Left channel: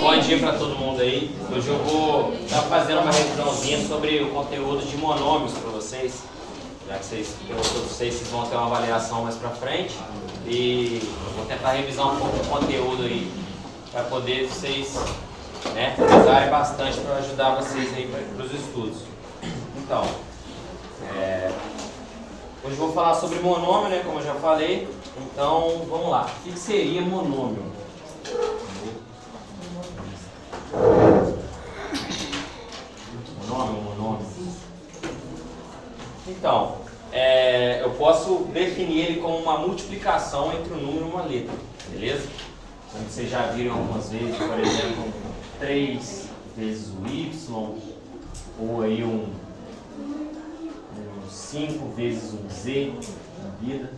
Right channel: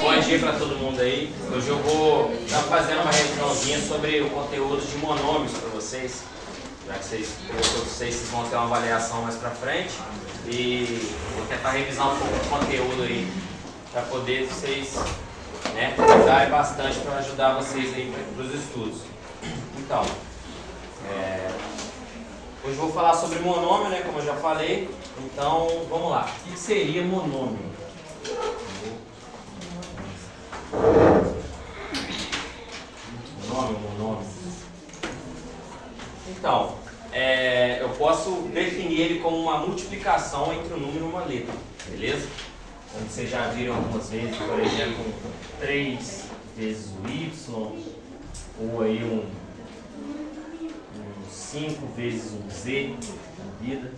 Bom dia para todo mundo aí. Hoje eu vou estar fazendo uma revisãozinha sobre o conteúdo de monômios para vocês, já que vocês vão ter uma avaliação mais para frente, e vou tentar revisar um pouco o conteúdo aí para poder vocês, né, usarem bastante para ajudar vocês aí para os estudos. Então, hoje eu vou falar sobre monômio, né, como eu já falei. Então, vamos lá. O que seria monômio? Monômio. Então, eu posso definir ele como uma multiplicação entre um número e uma letra, beleza? Como vocês já viram algumas vezes, por exemplo, 3 vezes o y, ou aí um 5 vezes um z na vida,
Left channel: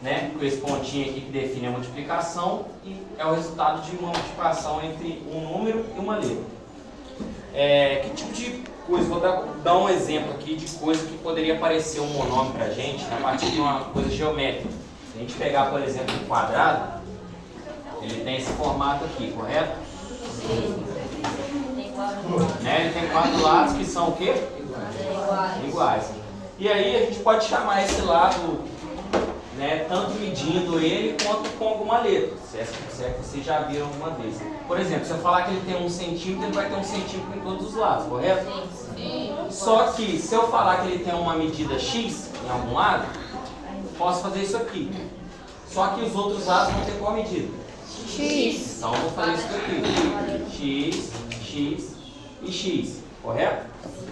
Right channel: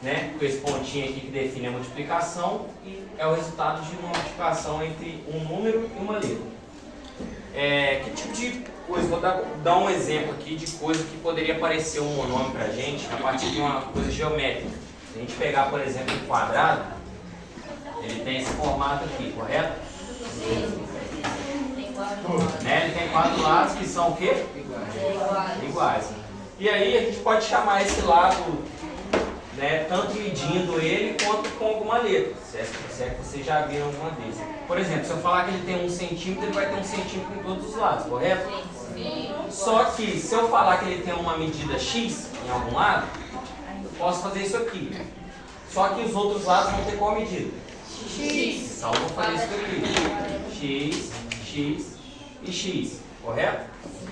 né? Com esse pontinho aqui que define a multiplicação, e é o resultado de uma multiplicação entre um número e uma letra. Que tipo de coisa? Vou dar um exemplo aqui de coisa que poderia parecer um monômio para a gente a partir de uma coisa geométrica. Se a gente pegar, por exemplo, um quadrado, ele tem esse formato aqui, correto? Sim. Né? Ele tem 4 lados que são o quê? Iguais. E aí a gente pode chamar esse lado, né, tanto medindo ele quanto com alguma letra, se é que vocês já viram alguma vez. Por exemplo, se eu falar que ele tem 1 centímetro, ele vai ter 1 centímetro em todos os lados, correto? Sim. Só que se eu falar que ele tem uma medida x em algum lado, eu posso fazer isso aqui. Só que os outros lados vão ter qual medida? X. Então eu vou fazer isso aqui. X e x, correto?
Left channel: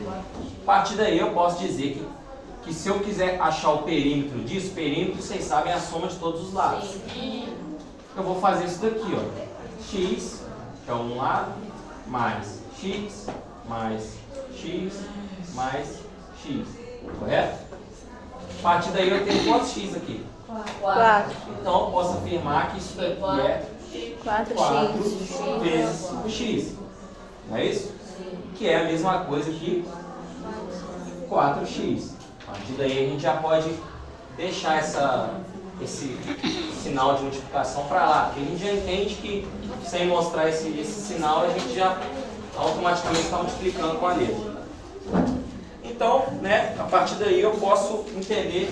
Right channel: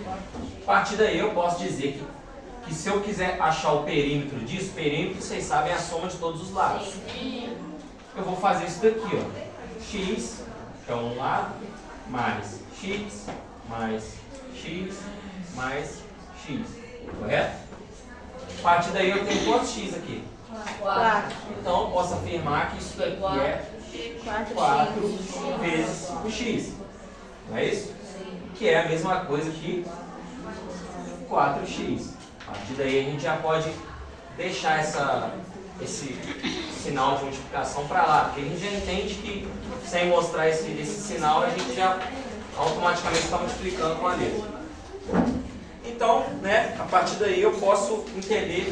A partir daí eu posso dizer que se eu quiser achar o perímetro disso, perímetro, vocês sabem, é a soma de todos os lados. Eu vou fazer isso daqui, ó. X, que é um lado, mais x, mais x, mais x. Correto? A partir daí eu tenho quantos x aqui? 4. Então eu posso afirmar que isso daqui é 4 vezes x. Não é isso? Que é a mesma coisa que 4x. A partir daí a gente já pode deixar esse sinal de multiplicação para lá, porque a gente já entende que sem mostrar esse sinal a gente já automaticamente está multiplicando com a letra. Então, né, a partir daí eu posso entender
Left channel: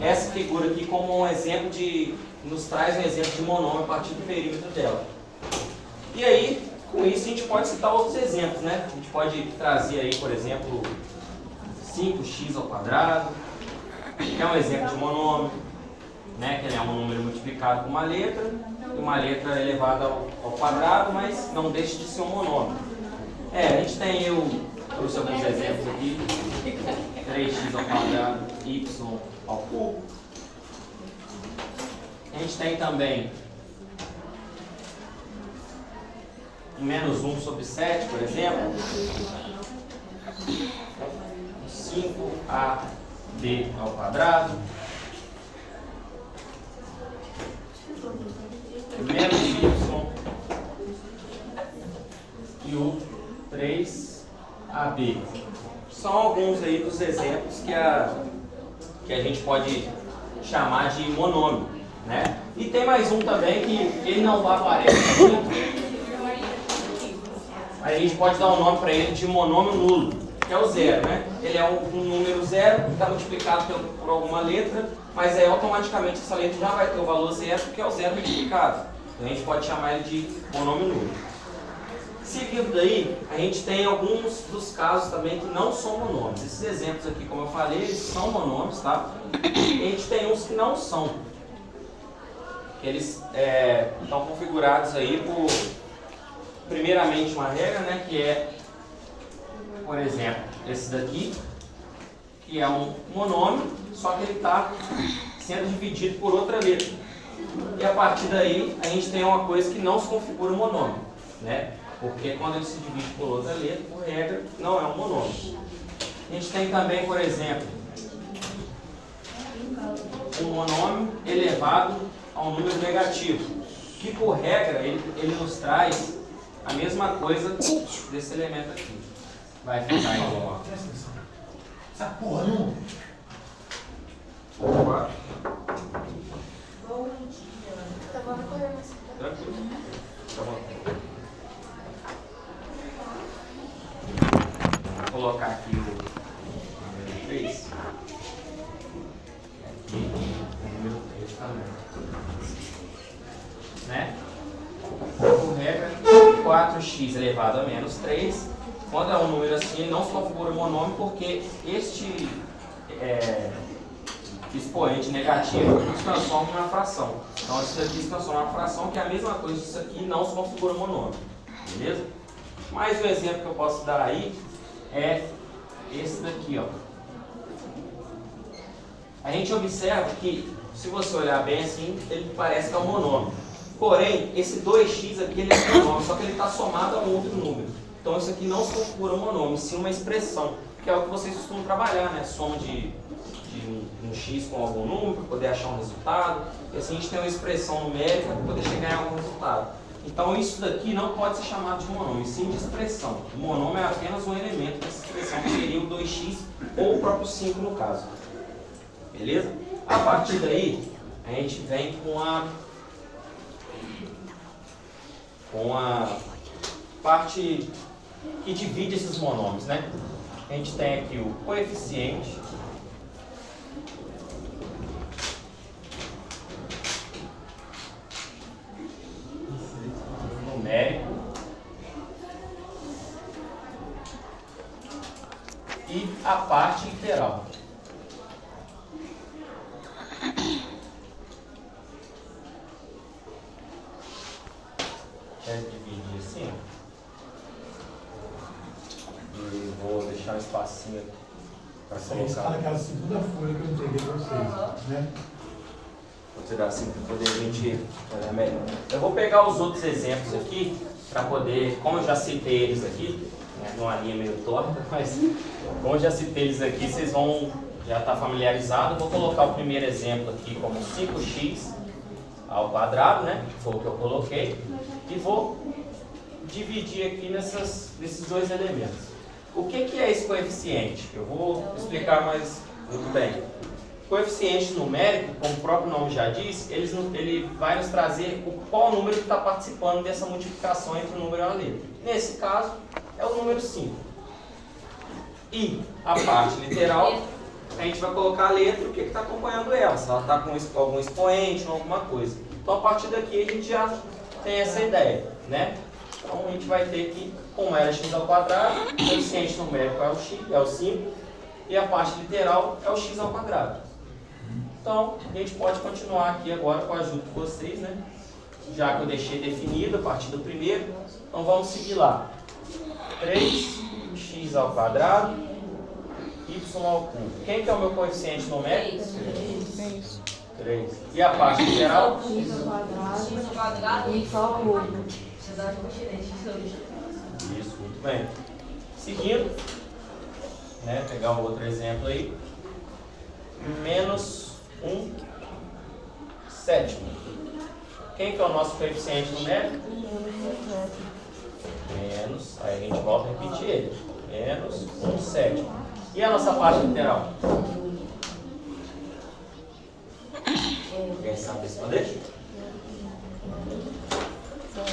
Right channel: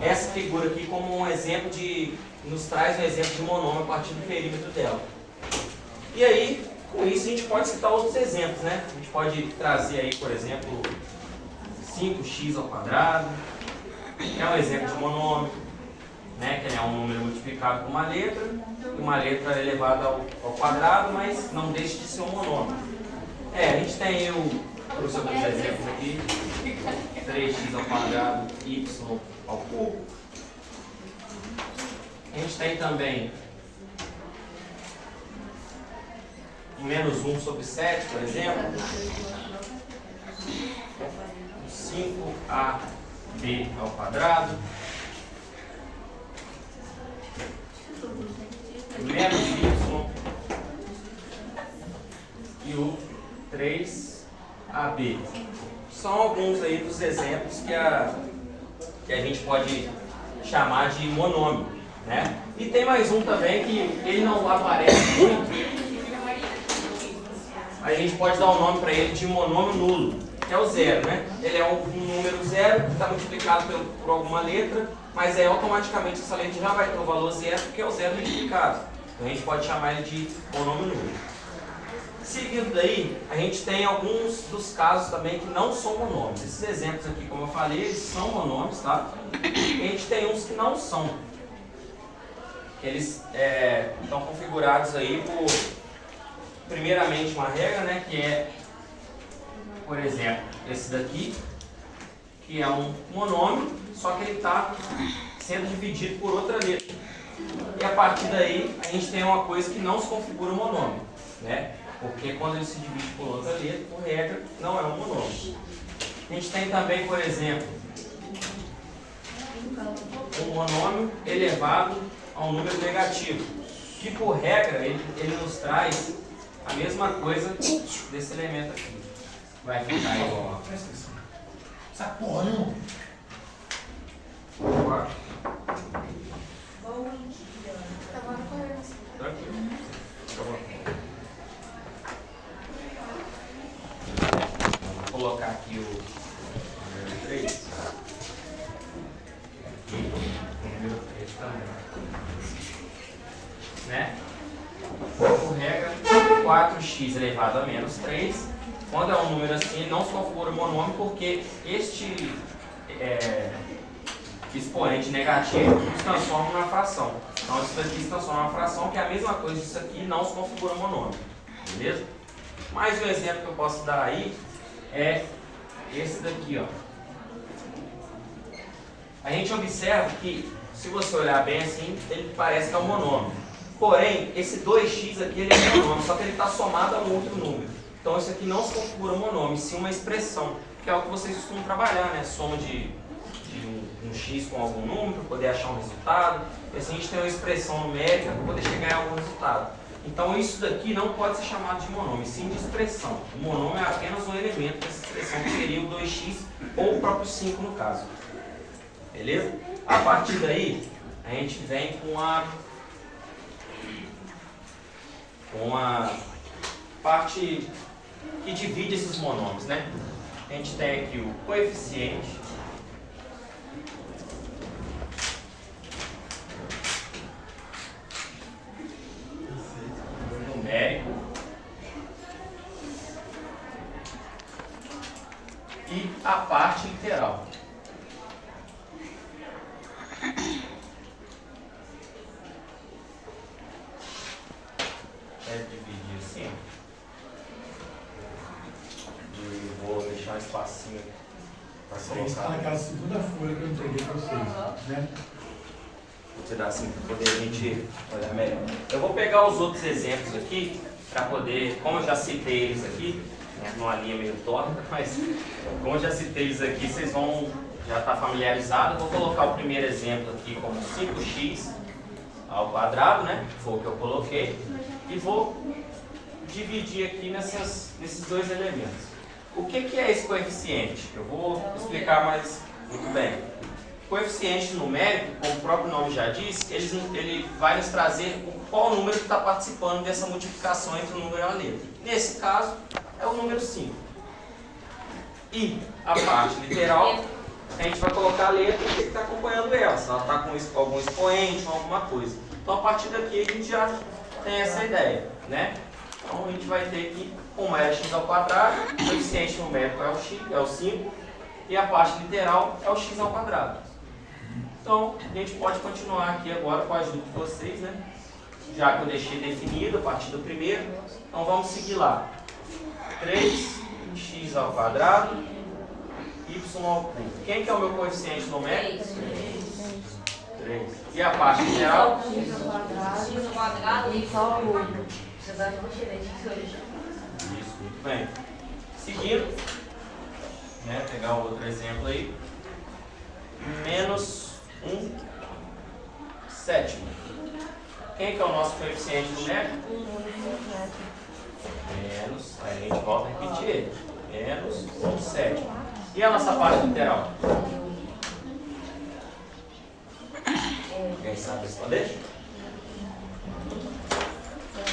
essa figura aqui como um exemplo nos traz um exemplo de monômio a partir do perímetro dela. E aí, com isso a gente pode citar outros exemplos, né? A gente pode trazer aí, por exemplo, 5x ao quadrado, que é um exemplo de monômio, né? Que é um número multiplicado por uma letra, e uma letra elevada ao quadrado, mas não deixa de ser um monômio. A gente tem eu trouxe alguns exemplos aqui, 3x ao quadrado, y ao cubo. A gente tem também menos 1 sobre 7, por exemplo. 5ab ao quadrado. Menos y e o 3ab. São alguns aí dos exemplos que a gente pode chamar de monômio, né? E tem mais um também que ele não aparece aqui. A gente pode dar o nome para ele de monômio nulo, que é o zero, né? Ele é um número zero que está multiplicado por alguma letra, mas automaticamente essa letra já vai ter o valor zero, porque é o zero multiplicado. Então a gente pode chamar ele de monômio nulo. Seguindo daí, a gente tem alguns dos casos também que não são monômios. Esses exemplos aqui, como eu falei, eles são monômios, tá? E a gente tem uns que não são. Eles estão configurados aí por, primeiramente, uma regra, né? Que é, por exemplo, esse daqui, que é um monômio, só que ele está sendo dividido por outra letra. E a partir daí, a gente tem uma coisa que não se configura um monômio, né? Porque quando ele se divide por outra letra, por regra, não é um monômio. A gente tem também, por exemplo, um monômio elevado a um número negativo, que por regra ele nos traz a mesma coisa desse elemento aqui. Vai ficar igual. Essa porra não. Tranquilo. Fica à vontade. colocar aqui o número 3. Aqui, o número 3 também. Né? Por regra, 4x elevado a menos 3. Quando é um número assim, ele não se configura monômio porque este expoente negativo se transforma em uma fração. Então isso aqui se transforma em uma fração, que é a mesma coisa disso aqui, não se configura monômio. Beleza? Mais um exemplo que eu posso dar aí é esse daqui, ó. A gente observa que, se você olhar bem assim, ele parece que é um monômio. Porém, esse 2x aqui ele é monômio, só que ele está somado a um outro número. Então isso aqui não se configura monômio, sim uma expressão, que é o que vocês costumam trabalhar, né? Soma de um x com algum número para poder achar um resultado. E assim a gente tem uma expressão numérica para poder chegar em algum resultado. Então isso daqui não pode ser chamado de monômio, sim de expressão. O monômio é apenas um elemento dessa expressão, que seria o 2x ou o próprio 5 no caso. Beleza? A partir daí, a gente vem com a parte que divide esses monômios, né? A gente tem aqui o coeficiente numérico e a parte literal. Quero dividir assim, e vou deixar um espacinho para colocar. Está naquela segunda folha que eu entreguei para vocês, né? Vou tirar assim para poder a gente olhar melhor. Eu vou pegar os outros exemplos aqui para poder, como eu já citei eles aqui, né, numa linha meio torta, mas como eu já citei eles aqui, vocês vão já estar familiarizados. Vou colocar o primeiro exemplo aqui como 5x ao quadrado, né? Foi o que eu coloquei. E vou dividir aqui nesses dois elementos. O que é esse coeficiente? Eu vou explicar mais muito bem. Coeficiente numérico, como o próprio nome já diz, ele vai nos trazer qual número que está participando dessa multiplicação entre o número e a letra. Nesse caso, é o número 5. E a parte literal, a gente vai colocar a letra que está acompanhando ela, se ela está com algum expoente ou alguma coisa. Então, a partir daqui, a gente já tem essa ideia, né? Então, a gente vai ter que, como era x ao quadrado, o coeficiente numérico é o 5 e a parte literal é o x ao quadrado. Então, a gente pode continuar aqui agora com a ajuda de vocês, né? Já que eu deixei definido a partir do primeiro. Então, vamos seguir lá. 3x ao quadrado, y ao cubo. Quem que é o meu coeficiente numérico? 3. E a parte literal? X ao quadrado e só o cubo. Isso, muito bem. Seguindo, né, pegar um outro exemplo aí. Menos 1/7. Quem que é o nosso coeficiente numérico? Menos, aí a gente volta a repetir ele. Menos 1/7. E a nossa parte literal? Alguém sabe responder?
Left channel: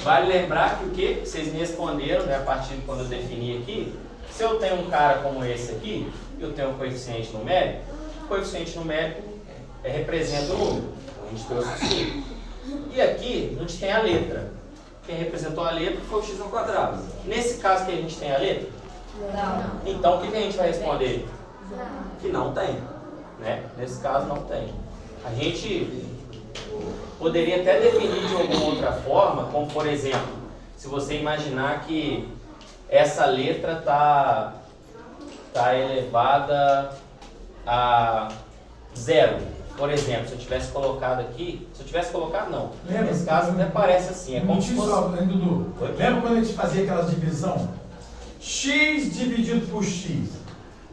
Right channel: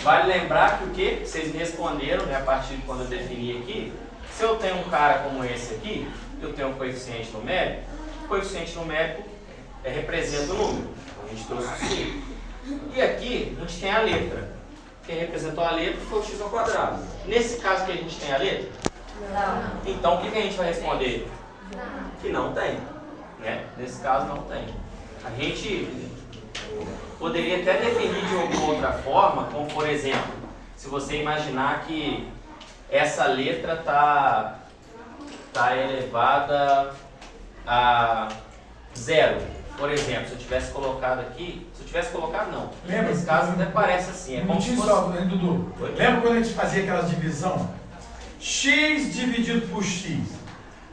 Vale lembrar que o que vocês me responderam, né, a partir de quando eu defini aqui, se eu tenho um cara como esse aqui, eu tenho um coeficiente numérico, o coeficiente numérico representa o número. Então, a gente trouxe o 5. E aqui a gente tem a letra. Quem representou a letra foi o x ao quadrado. Nesse caso que a gente tem a letra? Não. Então o que a gente vai responder? Que não tem. Né? Nesse caso não tem. A gente poderia até definir de alguma outra forma, como por exemplo, se você imaginar que essa letra está elevada a 0. Por exemplo, se eu tivesse colocado aqui, não. Lembra? Nesse caso até parece assim, é como se fosse... Só, né, Dudu? Oi? Lembra quando a gente fazia aquela divisão? X dividido por X.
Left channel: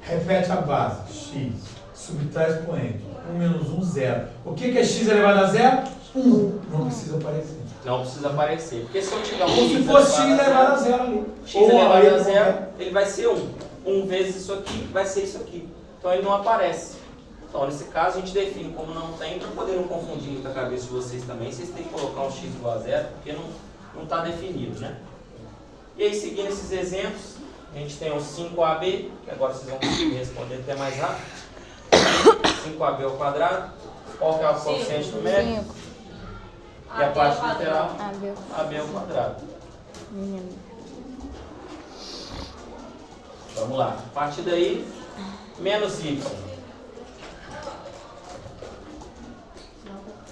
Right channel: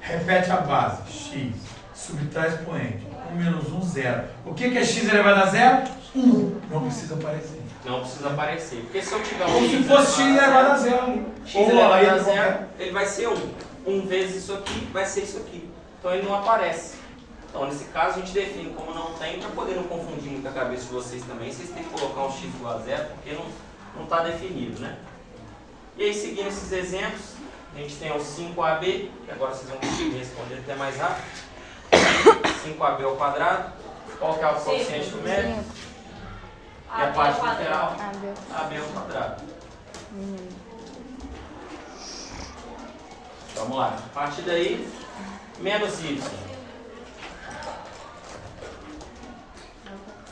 Repete a base. X. Subtrai expoente. 1 menos 1, 0. O que é X elevado a 0? 1. Não precisa aparecer. Não precisa aparecer. Porque se eu tiver um Como se fosse X elevado a 0 ali. X Ou elevado aí, a 0, ele vai ser 1. 1 vezes isso aqui vai ser isso aqui. Então ele não aparece. Então nesse caso a gente define como não tem, para poder não confundir muito a cabeça de vocês também. Vocês têm que colocar um X igual a 0, porque não está definido, né? E aí seguindo esses exemplos, A gente tem o 5AB, que agora vocês vão conseguir responder até mais rápido. 5AB ao quadrado. Qual que é o coeficiente numérico? E a parte lateral, AB ao quadrado. Vamos lá. A partir daí, menos y.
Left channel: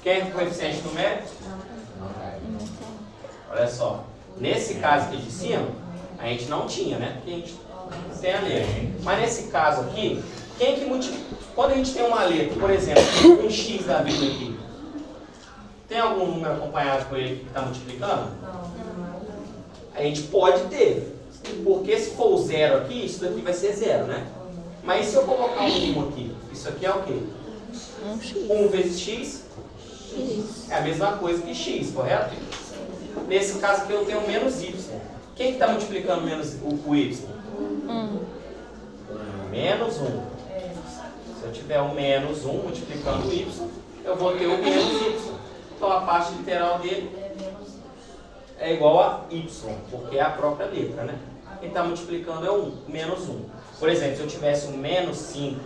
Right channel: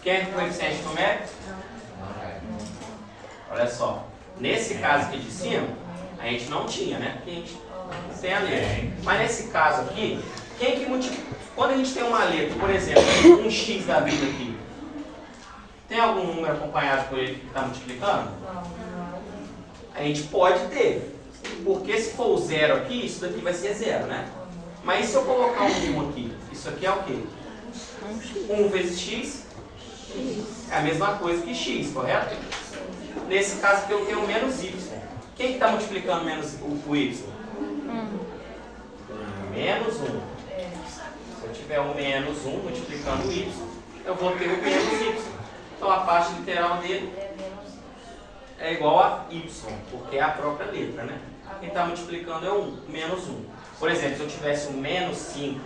Quem é o coeficiente numérico? Olha só. Nesse caso aqui de cima, a gente não tinha, né? Porque a gente tem a letra. Mas nesse caso aqui, quem que multiplica? Quando a gente tem uma letra, por exemplo, um x da vida aqui, tem algum número acompanhado por ele que está multiplicando? A gente pode ter. Porque se for o zero aqui, isso daqui vai ser zero, né? Mas e se eu colocar um 1 aqui? Isso aqui é o quê? 1 vezes x é a mesma coisa que x, correto? Nesse caso aqui eu tenho menos y. Quem que está multiplicando menos o y? Menos 1. Se eu tiver o menos 1 multiplicando o y, eu vou ter o menos y. Então a parte literal dele é igual a y, porque é a própria letra, né? Quem está multiplicando é o menos 1. Por exemplo, se eu tivesse o menos 5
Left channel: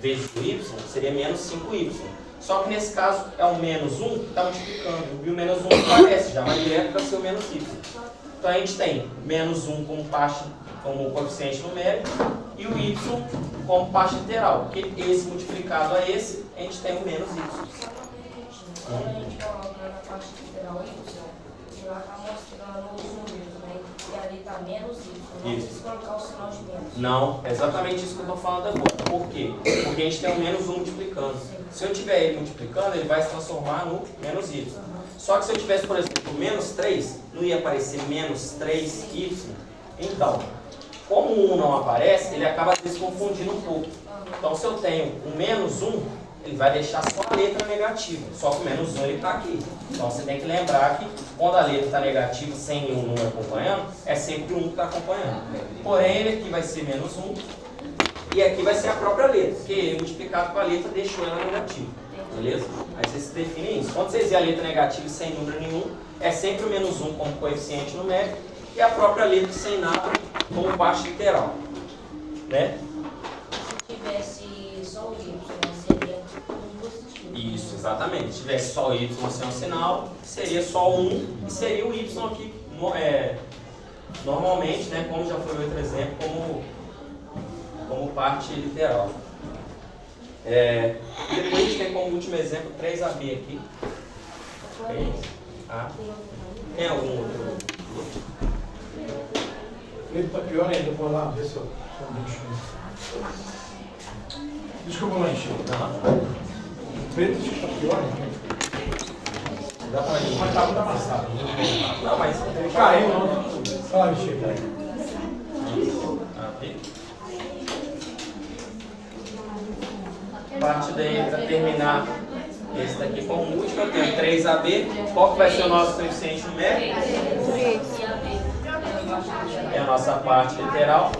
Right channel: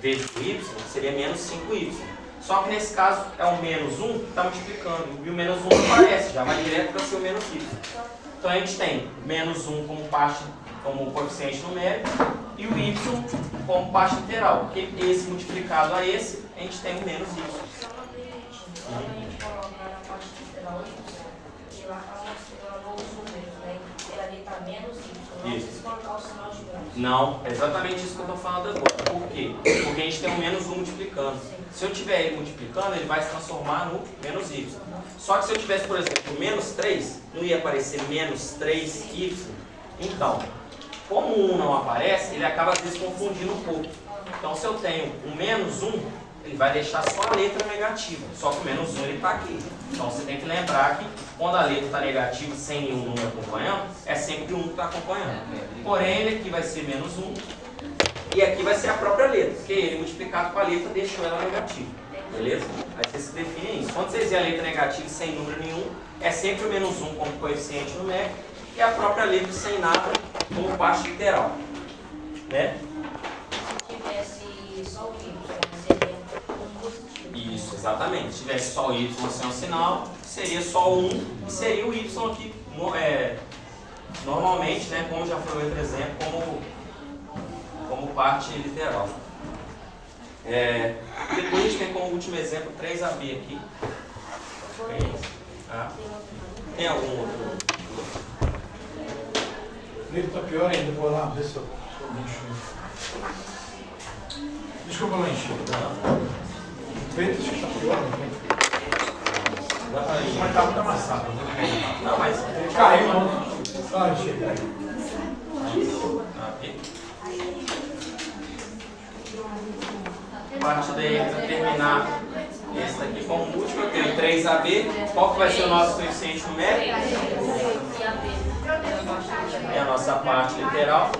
vezes o y, seria menos 5y. Só que nesse caso é o menos 1 que está multiplicando. E o menos 1 não aparece, já vai direto para ser o menos y. Então a gente tem menos 1 como coeficiente numérico e o y como parte literal. Porque esse multiplicado a esse, a gente tem o menos y. Quando a gente coloca na parte literal y, ele vai mostrando alguns números, né? E ali está menos y. Não precisa colocar o sinal de menos. Não, é exatamente isso que eu estou falando agora. Por quê? Porque a gente tem o menos 1 multiplicando. Se eu tiver ele multiplicando, ele vai se transformar no menos y. Só que se eu tivesse, por exemplo, menos 3, não ia aparecer menos 3y. Então, como o 1 não aparece, ele acaba se confundindo um pouco. Então, se eu tenho um menos 1, ele vai deixar só a letra negativa. Só que o menos 1 ele está aqui. Então, você tem que lembrar que quando a letra está negativa, sem nenhum número acompanhando, é sempre o 1 que está acompanhando. Porém, ele aqui vai ser menos 1. E aqui vai ser a própria letra, porque ele multiplicado com a letra deixou ela negativa. Beleza? Aí você se define isso. Quando você dizer a letra negativa sem número nenhum, é sempre o menos 1 como coeficiente numérico e a própria letra sem nada como parte literal. Né? Se tivesse só o y, seria um positivo. Isso, exatamente. Se tivesse só o y sem um sinal, seria só o 1 e seria o y aqui, normalmente, né, como já foi outro exemplo, como parte literal. Depois a gente tem como último exemplo 3AB aqui. Tem algum outro? Ele está pior ainda, vou lá ver se eu enxergo. Desculpa lá, enxergo. O preto está pior ainda. Dá pra ir. Mas está muito amassado. Não, mas Ele caiu, não. Ah, enxerga aí. Parte daí para terminar esse daqui como último, eu tenho 3AB. Qual que vai ser o nosso coeficiente numérico? É a nossa parte literal.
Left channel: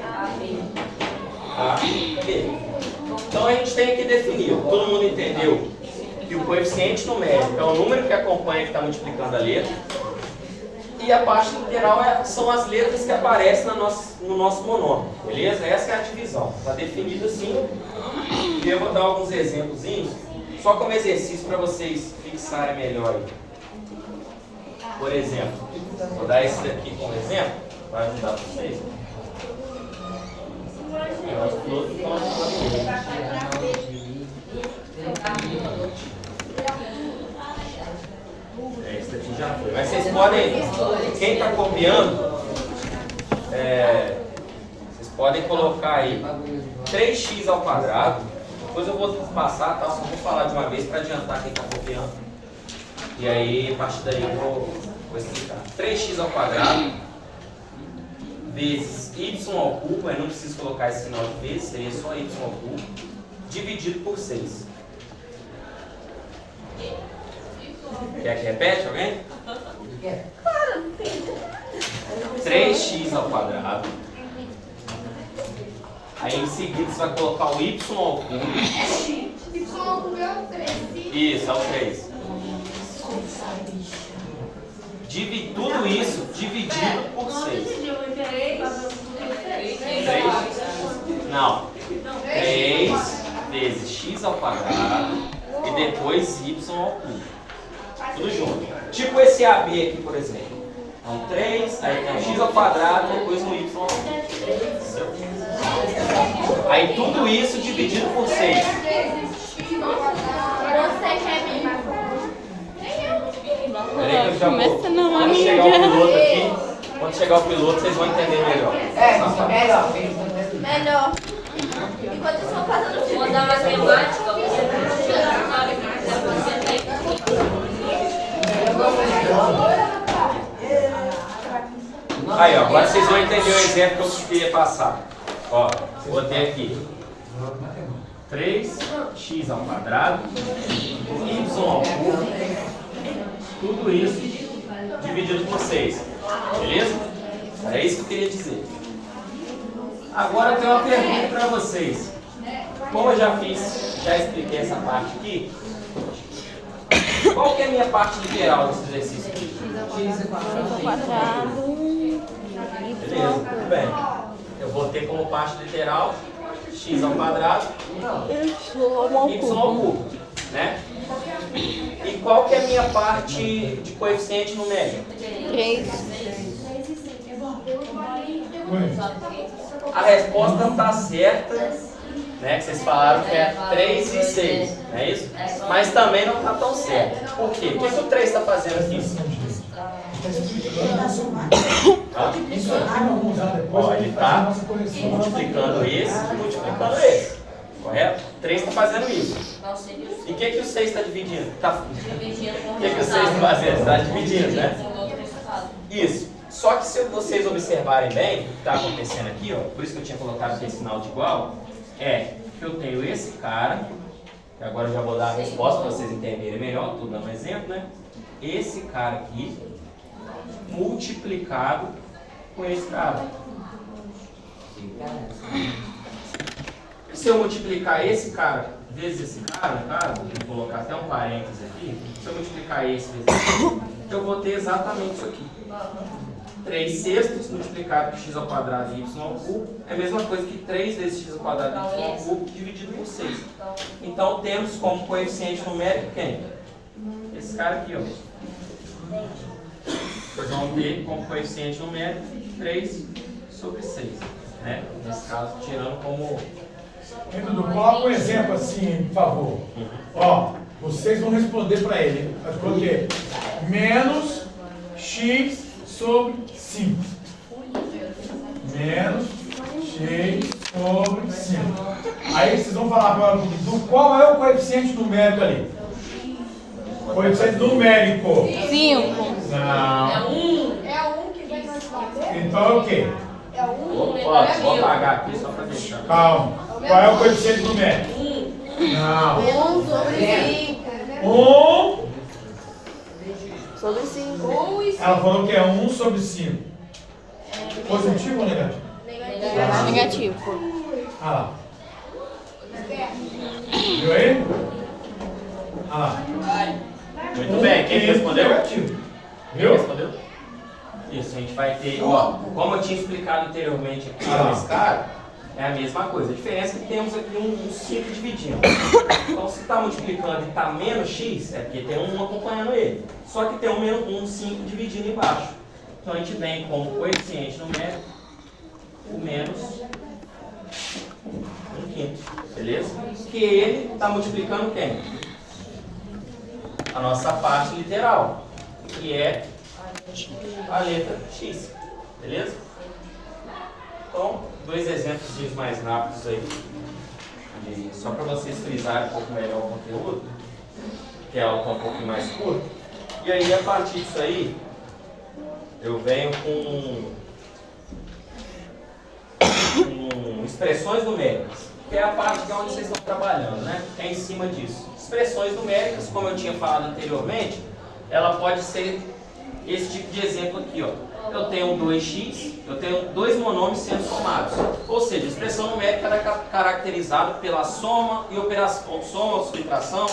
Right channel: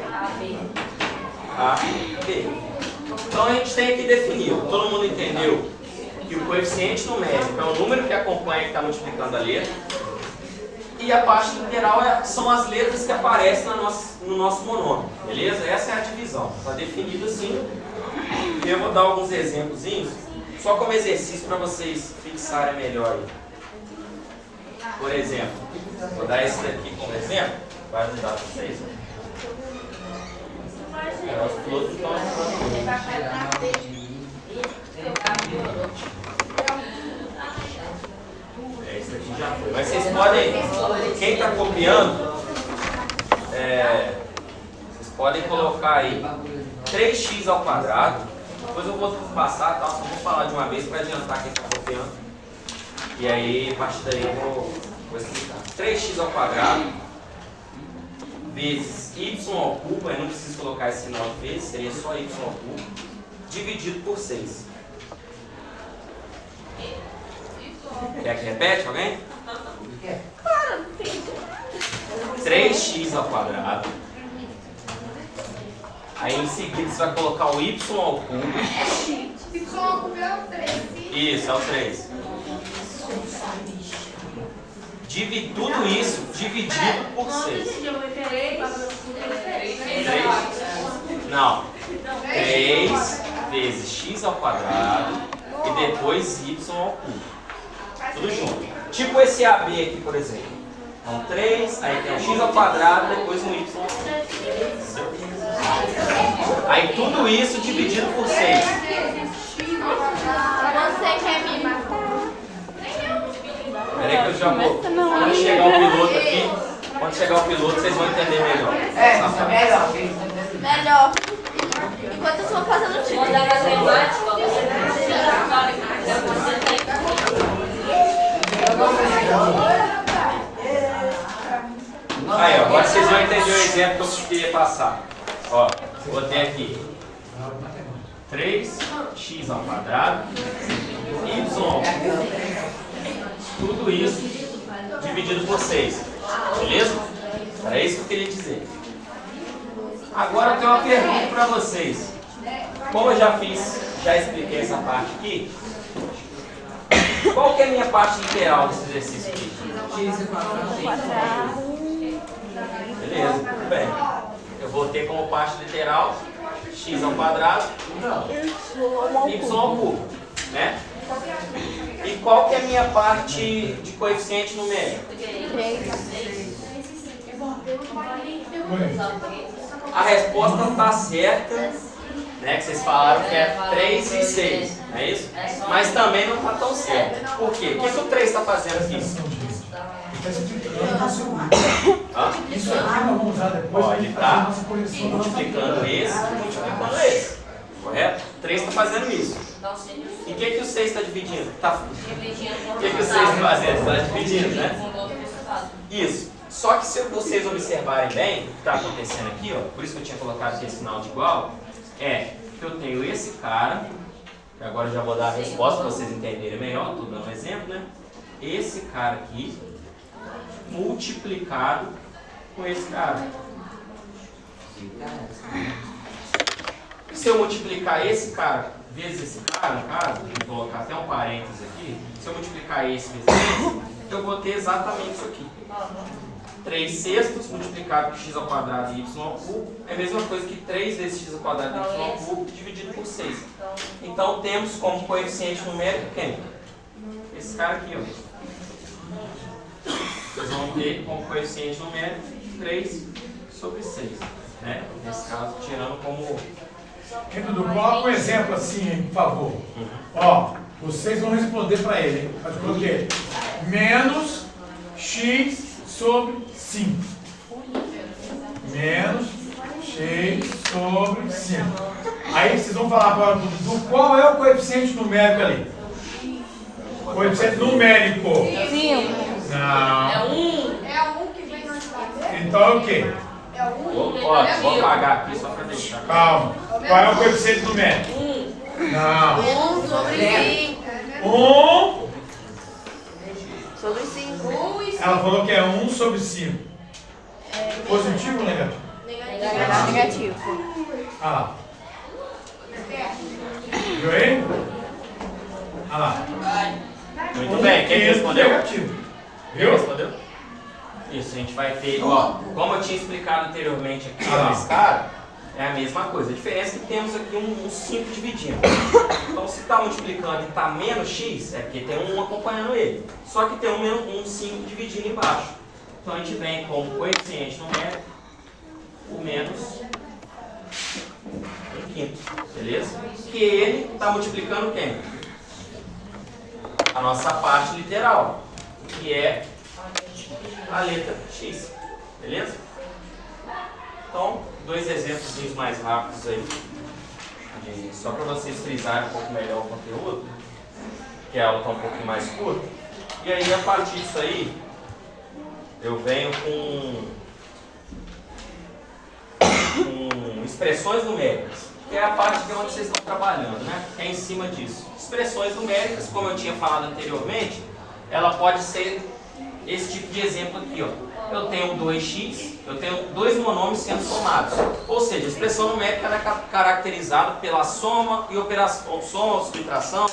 AB. Então a gente tem que definir. Todo mundo entendeu que o coeficiente numérico é o número que acompanha que está multiplicando a letra. E a parte literal são as letras que aparecem no nosso monômio. Beleza? Essa é a divisão. Está definido assim. E eu vou dar alguns exemplos, só como exercício para vocês fixarem melhor. Por exemplo, vou dar esse daqui como exemplo, vai ajudar vocês. Os pilotos estão esse aqui já foi. Mas vocês podem, quem está copiando, vocês podem colocar aí 3x ao quadrado. Depois eu vou passar, tá? Só vou falar de uma vez para adiantar quem está copiando. E aí, a partir daí eu vou explicar. 3x ao quadrado vezes y ao cubo, eu não preciso colocar esse sinal de vezes, seria só y ao cubo, dividido por 6. Quer que repete alguém? 3x ao quadrado. Aí em seguida você vai colocar o y ao cubo. Y ao cubo é o 3. Isso, é o 3. Tudo isso dividido por 6. Não. 3 vezes x ao quadrado e depois y ao cubo. Tudo junto. Tipo esse AB aqui, por exemplo. Então 3, aí tem o x ao quadrado, depois um y ao cubo. Aí tudo isso dividido por 6. Peraí que eu já vou. Quando chegar o piloto aqui, vocês vão entender melhor. Melhor. Enquanto eu estou fazendo o Vou dar matemática, Aí, ó, agora vocês vão entender o exemplo que eu queria passar. Ó, botei aqui 3x ao quadrado, y ao cubo, tudo isso dividido por 6. Beleza? Era isso que eu queria dizer. Agora eu tenho uma pergunta para vocês. Como eu já expliquei essa parte aqui, qual que é a minha parte literal desse exercício aqui? Beleza, tudo bem. Eu vou ter como parte literal x ao quadrado y ao cubo, né? E qual que é a minha parte de coeficiente numérico? 3. A resposta está certa, né? Que vocês falaram que é 3 e 6, não é isso? Mas também não está tão certo. Por quê? O que o 3 está fazendo aqui? Isso aqui nós vamos usar depois. Ó, ele está multiplicando esse e multiplicando esse. Correto? 3 está fazendo isso. E o que o 6 está dividindo? O que o 6 está fazendo? Está dividindo, né? Isso. Só que se vocês observarem bem o que está acontecendo aqui, ó, por isso que eu tinha colocado aqui esse sinal de igual, é que eu tenho esse cara, que agora eu já vou dar a resposta para vocês entenderem melhor, estou dando um exemplo, né? Esse cara aqui multiplicado com esse cara. E se eu multiplicar esse cara vezes esse cara, no caso, vou colocar até um parênteses aqui, se eu multiplicar esse vezes esse, eu vou ter exatamente isso aqui. 3 sextos multiplicado por x ao quadrado e y ao cubo é a mesma coisa que 3 vezes x ao quadrado e y ao cubo dividido por 6. Então temos como coeficiente numérico quem? Esse cara aqui, ó. Vocês vão ter como coeficiente numérico 3 sobre 6. Né? Nesse caso, tirando como... Dudu, coloca um exemplo assim, hein, por favor. Ó, vocês vão responder para ele, hein? Faz conta que é menos x sobre 5. Menos x sobre 5. Aí vocês vão falar para o Dudu qual é o coeficiente numérico ali. Coeficiente numérico. 5. Não. É 1. É um que vem na escola. Então é o quê? É um. Ó, vou apagar aqui só para deixar. Calma. Qual é o coeficiente numérico? 1. Não. 1 sobre 5. 1. Sobre 5. 1 e 5. Ela falou que é 1 sobre 5. Positivo ou negativo? Negativo. Ah lá. Viu aí? Ah lá. Muito bem, quem respondeu? Negativo. Quem Viu? respondeu? Isso, a gente vai ter, ó, como eu tinha explicado anteriormente aqui Ah. nesse cara, é a mesma coisa. A diferença é que temos aqui um 5 dividindo. Então, se está multiplicando e está menos x, é porque tem um acompanhando ele. Só que tem um 5 dividindo embaixo. Então, a gente vem como coeficiente numérico o menos 1/5, beleza? Que ele está multiplicando quem? A nossa parte literal, que é a letra x, beleza? Então, 2 exemplos mais rápidos aí, só para vocês frisarem um pouco melhor o conteúdo, que a aula está um pouquinho mais curta. E aí, a partir disso aí, eu venho com expressões numéricas, que é a parte de onde vocês estão trabalhando, né? Que é em cima disso. Expressões numéricas, como eu tinha falado anteriormente, ela pode ser esse tipo de exemplo aqui, ó. Eu tenho 2x, eu tenho 2 monômios sendo somados. Ou seja, a expressão numérica ela é caracterizada pela soma e operação, soma, subtração,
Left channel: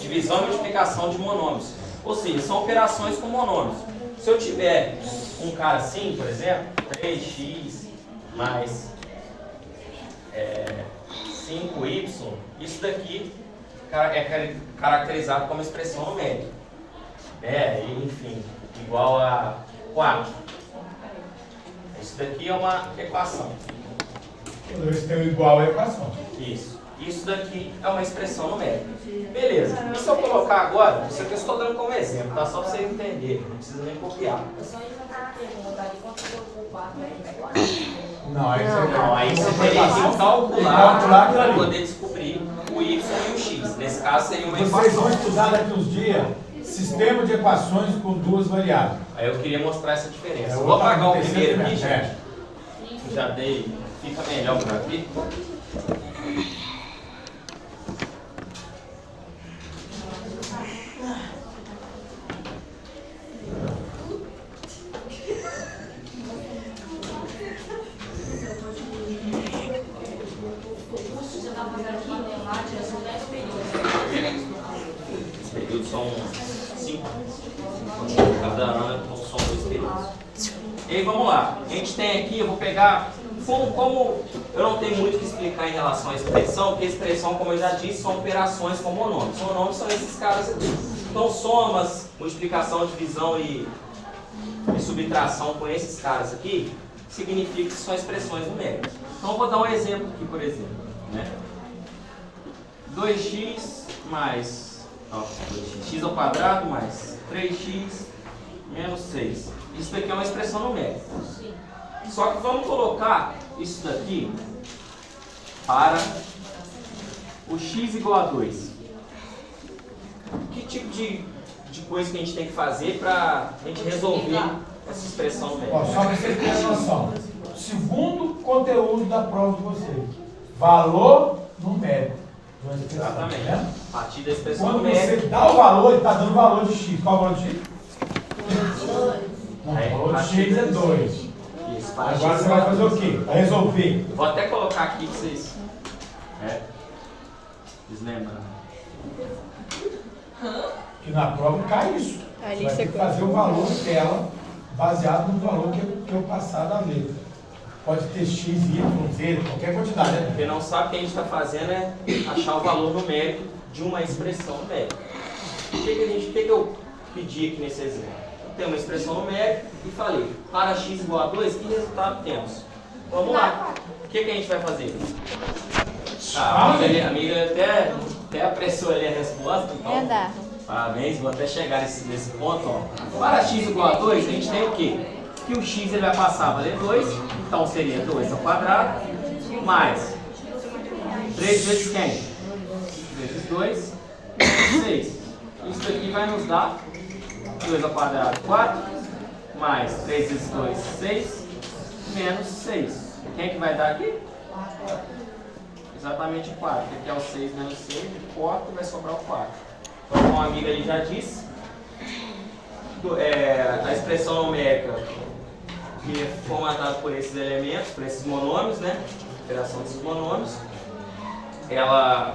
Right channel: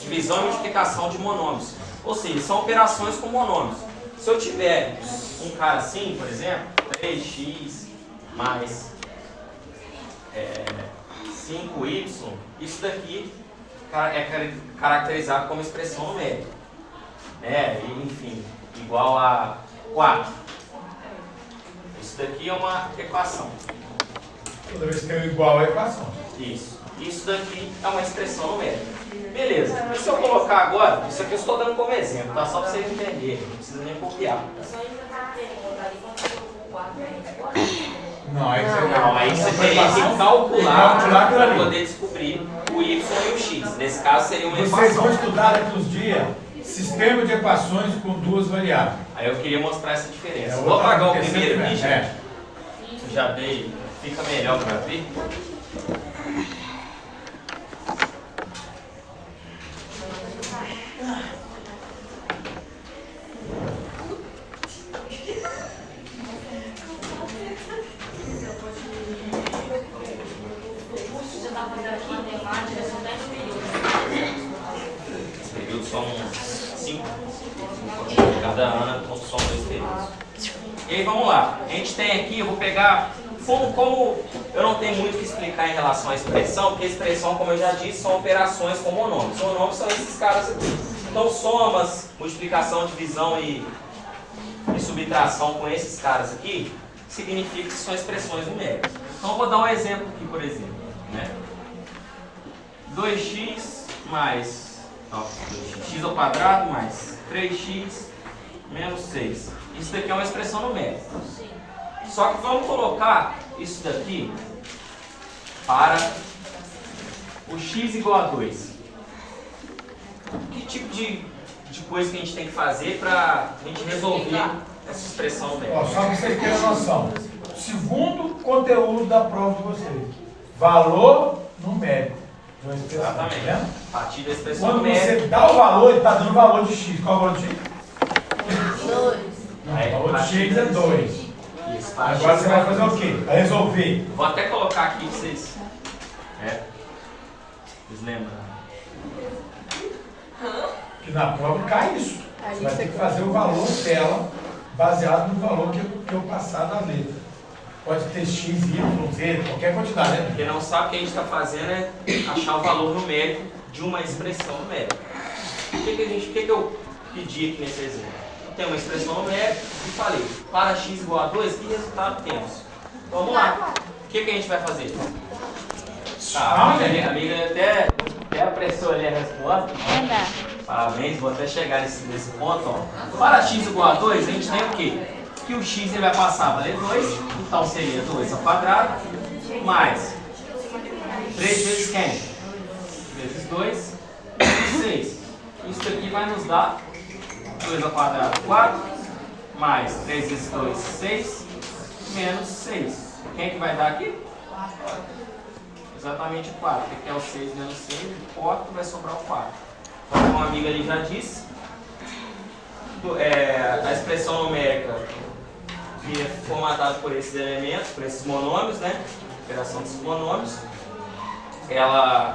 divisão e multiplicação de monômios. Ou seja, são operações com monômios. Se eu tiver um cara assim, por exemplo, 3x mais 5y, isso daqui é caracterizado como expressão numérica. Né? E, enfim, igual a 4. Isso daqui é uma equação. Toda vez que tem o igual é equação. Isso. Isso daqui é uma expressão numérica. Beleza. E se eu colocar agora, isso aqui eu estou dando como exemplo, tá? Só para vocês entenderem, não precisa nem copiar. Não, aí você teria que calcular para poder descobrir o y e o x. Nesse caso seria uma Vocês equação. vão estudar daqui uns dias sistema de equações com duas variáveis. Aí eu queria mostrar essa diferença. É, Vou apagar o terceiro primeiro aqui, primeiro. gente. Já dei. Fica melhor para ver. Os períodos são 5. Cada ano são 2 períodos. E aí vamos lá. A gente tem aqui, eu vou pegar. Como eu não tenho muito o que explicar em relação à expressão, porque a expressão, como eu já disse, são operações com monômios. Monômios são esses caras aqui. Então, somas, multiplicação, divisão e subtração com esses caras aqui, significa que são expressões numéricas. Então, eu vou dar um exemplo aqui, por exemplo. Né? 2x mais 2x, x ao quadrado mais 3x menos 6. Isso daqui é uma expressão numérica. Só que vamos colocar isso daqui para o x igual a 2. Que tipo de coisa que a gente tem que fazer para a gente resolver essa expressão numérica? Ó, só para vocês terem noção. Segundo conteúdo da prova de vocês. Valor numérico. Exatamente. Né? A partir da expressão Quando numérica. você dá o valor, ele está dando o valor de x. Qual é o valor de x? Não, Aí, o valor a de x é 2. Isso, Agora você vai fazer o quê? Vai resolver. Vou até colocar aqui para vocês. Vocês lembram? Que na prova cai isso. A Você lista vai ter que que fazer o valor dela baseado no valor que eu passar da letra. Pode ter x, y, z, qualquer quantidade, né? Quem não sabe o que a gente está fazendo é achar o valor numérico de uma expressão numérica. O que eu pedi aqui nesse exemplo? Tem uma expressão numérica e falei, para x igual a 2, que resultado temos? Vamos lá. O que a gente vai fazer? A amiga até apressou ali a resposta. Parabéns, vou até chegar nesse ponto. Ó. Para x igual a 2, a gente tem o quê? Que o x ele vai passar a valer 2, então seria 2 ao quadrado, mais 3 vezes quem? Vezes 2, vezes 6. Isso daqui vai nos dar 2 ao quadrado, 4, mais 3 vezes 2, 6, menos 6. Quem que vai dar aqui? Exatamente 4, porque aqui é o 6 menos 6, corta, vai sobrar o 4. Como uma amiga ali já disse, a expressão numérica que é formatada por esses elementos, por esses monômios, né? Operação desses monômios, ela,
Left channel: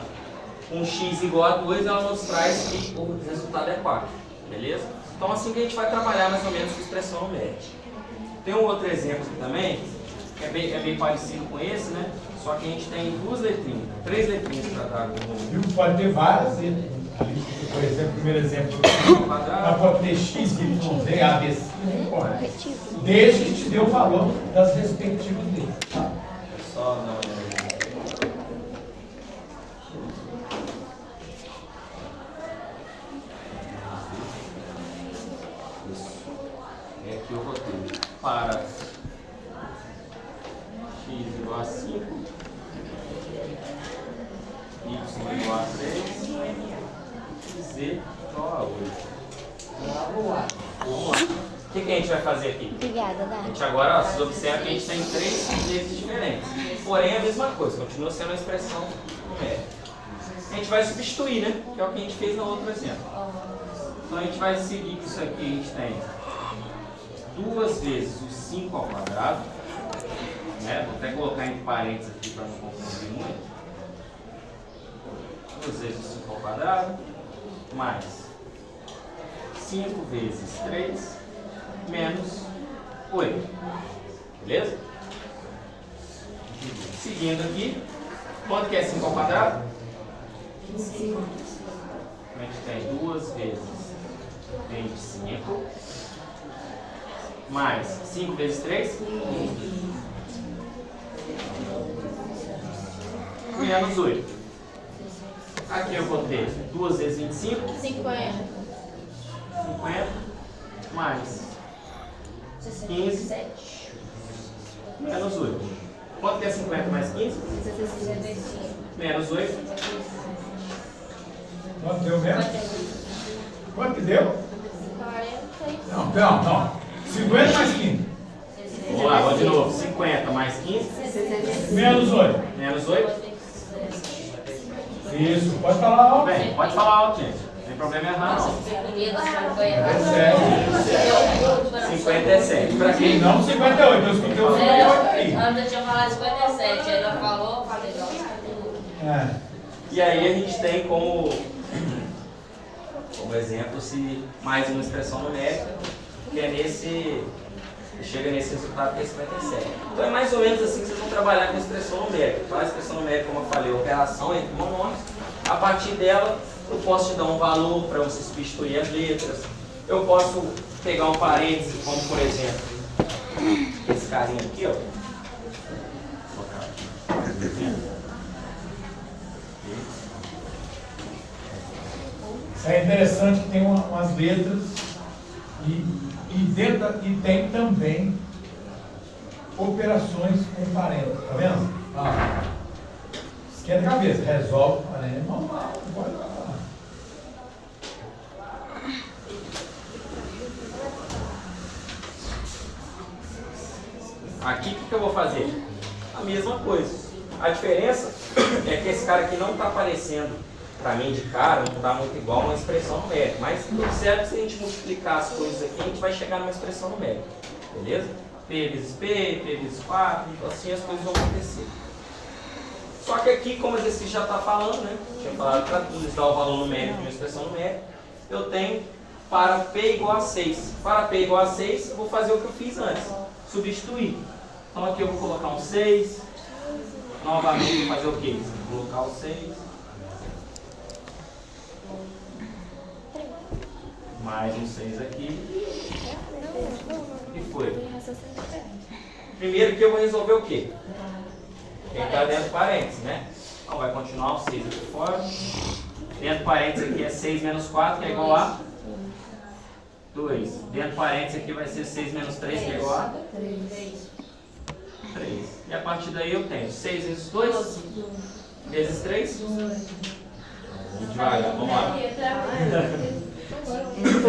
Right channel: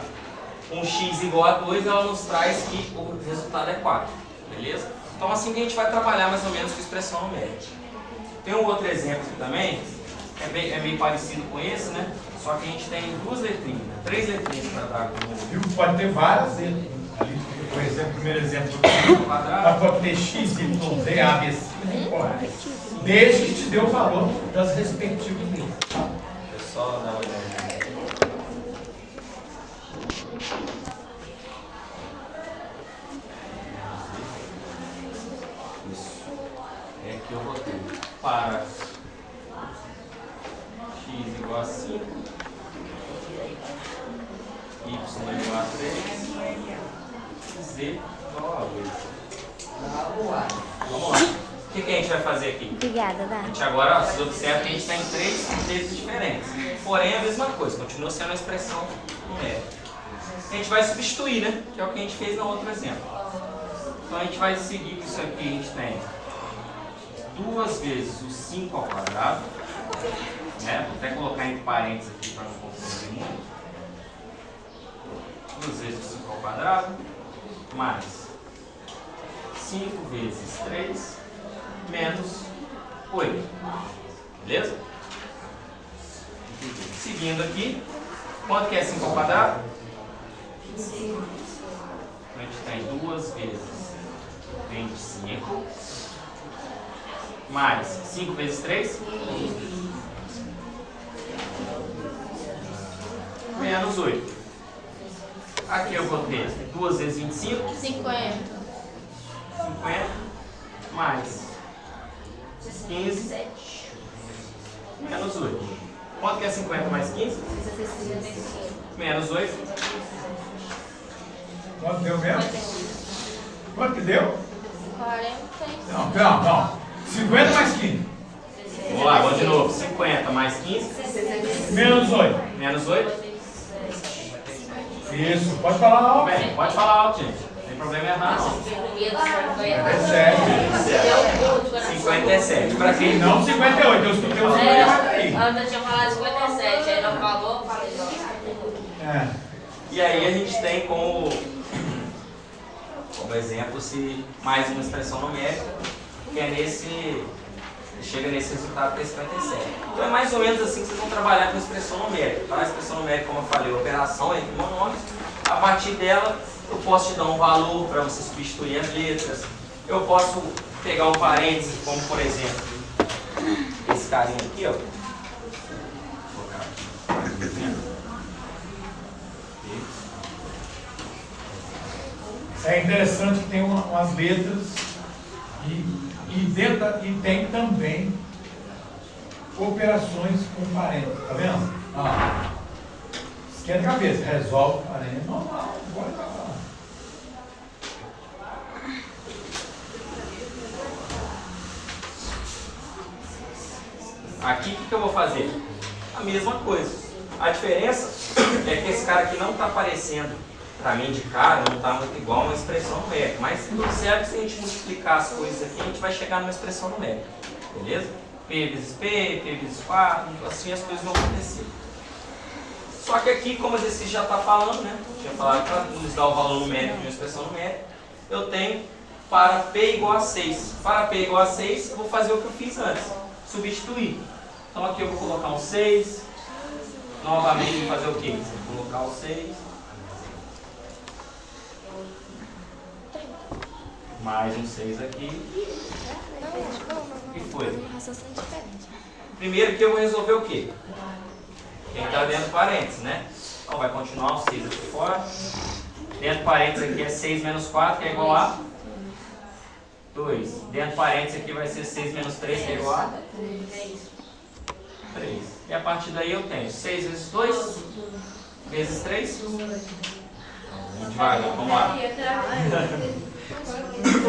com x igual a 2, ela nos traz que o resultado é 4, beleza? Então assim que a gente vai trabalhar mais ou menos com expressão numérica. Tem um outro exemplo aqui também, é bem parecido com esse, né? Só que a gente tem 3 letrinhas para dar como... Pode ter várias letras. Ali, por exemplo, o primeiro exemplo. Mas pode ter x, y, z, a, b, c, não pode. Desde que te dê o valor das respectivas letras. É só dar uma olhada. Isso. É aqui eu vou ter para x igual a 5, y igual a 3, z igual a 8. Vamos lá. O que a gente vai fazer aqui? Obrigada, A Dá. gente agora, ó, vocês observam que a gente tem 3 vezes diferentes. Porém, é a mesma coisa, continua sendo uma expressão numérica. A gente vai substituir, né? Que é o que a gente fez no outro exemplo. Então a gente vai seguir que isso aqui a gente tem 2 vezes o 5 ao quadrado. Né? Vou até colocar entre parênteses aqui para não confundir muito. 2 vezes o 5 ao quadrado, mais 5 vezes 3, menos 8. Beleza? Seguindo aqui, quanto que é 5 ao quadrado? A gente tem 2 vezes 25, mais 5 vezes 3, menos 8. Aqui eu vou ter 2 vezes 25, 50. 50, mais 15, menos 8. Quanto que é 50 mais 15? Menos 8. Quanto deu mesmo? Quanto que deu? 40. Não. 50 mais 15. Vamos lá, vamos de novo. 50 mais 15, Menos 8. menos 8. Isso, pode falar alto. Bem, pode falar alto, gente. Não tem problema errar, não. É sério. 57. Para quem não. Não 58, eu escutei o 58 aí. Anda tinha falado 57, aí não falou, falei não. É. E aí a gente tem como exemplo se mais uma expressão numérica, que é chega nesse resultado que é 57. Então é mais ou menos assim que vocês vão trabalhar com a expressão numérica. Tá? A expressão numérica, como eu falei, é operação entre monômios. A partir dela, eu posso te dar um valor para você substituir as letras. Eu posso pegar um parêntese, como por exemplo, esse carinha aqui, ó. É interessante que tem umas letras e tem também operações com parênteses, tá vendo? Esquenta a cabeça, resolve parênteses, normal, bora lá. Aqui o que eu vou fazer? A mesma coisa. A diferença é que esse cara aqui não está aparecendo para mim de cara, não está muito igual a uma expressão numérica. Mas observe que se a gente multiplicar as coisas aqui, a gente vai chegar numa expressão numérica. Beleza? P vezes P, P vezes 4, assim as coisas vão acontecer. Só que aqui, como o exercício já está falando, né? Tinha falado para nos dar o valor numérico de uma expressão numérica, eu tenho para P igual a 6. Para P igual a 6, eu vou fazer o que eu fiz antes, substituir. Então aqui eu vou colocar um 6, novamente vou fazer o quê? Vou colocar o 6. Mais um 6 aqui. E foi. Primeiro que eu vou resolver o quê? Quem está dentro do parênteses, né? Então vai continuar o 6 aqui fora. Dentro do parênteses aqui é 6 menos 4, que é igual a 2. Dentro do parênteses aqui vai ser 6 menos 3, que é igual a 3. E a partir daí eu tenho 6 vezes 2 vezes 3. Devagar, vamos lá.